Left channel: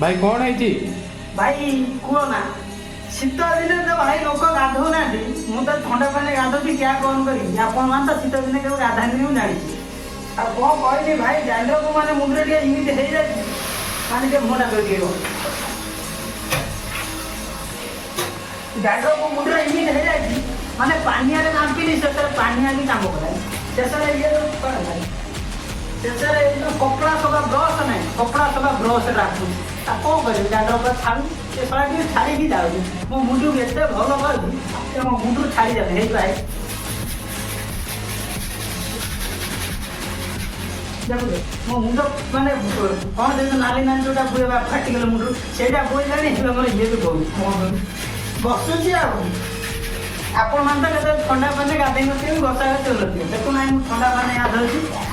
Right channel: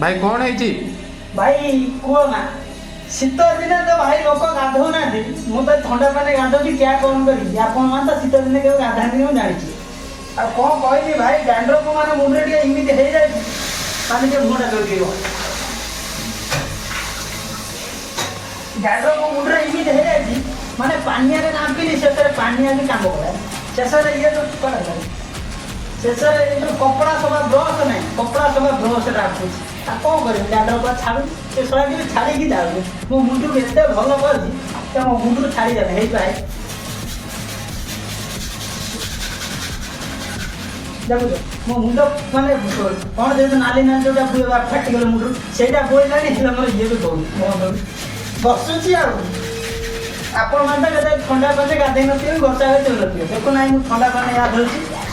भाई कौन है भाई कुह ना शीत दिन जो भाई लोक गाधौ ना मुझे थंडा पानी गाधोची क्या कौन करी आप शीत दिन केवल गाधानी मुझे जानी आ कौन कहली भाई डैंड्रफ को माने मुंडे टे इमिति हो जाए पानी के मुंडा जोड़ेगा डैंड्रफ को मुंडे इमिति हो जाए माने पानी आगे नापिनी से पानी आगे काम करा शेष ये जो शेष जो कपड़ा सफा ब्रश ना कपड़ा सफा ब्रश राखुँ कौन कर डैंड्रफ छाड़ू से सड़ा टे छाड़ी जाऊँ मो मुंड को एत भल कर मो मुंड छाड़ी जाए भाई देखो मो मुंड माने कौन देखो नाली नाली जो फाटिगल मुंड से बोला मोर ये तो दौड़ बसुची आप ठंडा पानी गाधे नथिबे वर्षा गाड़ी चल नथिबे देखो ना मु ठंडा पानी गाधोची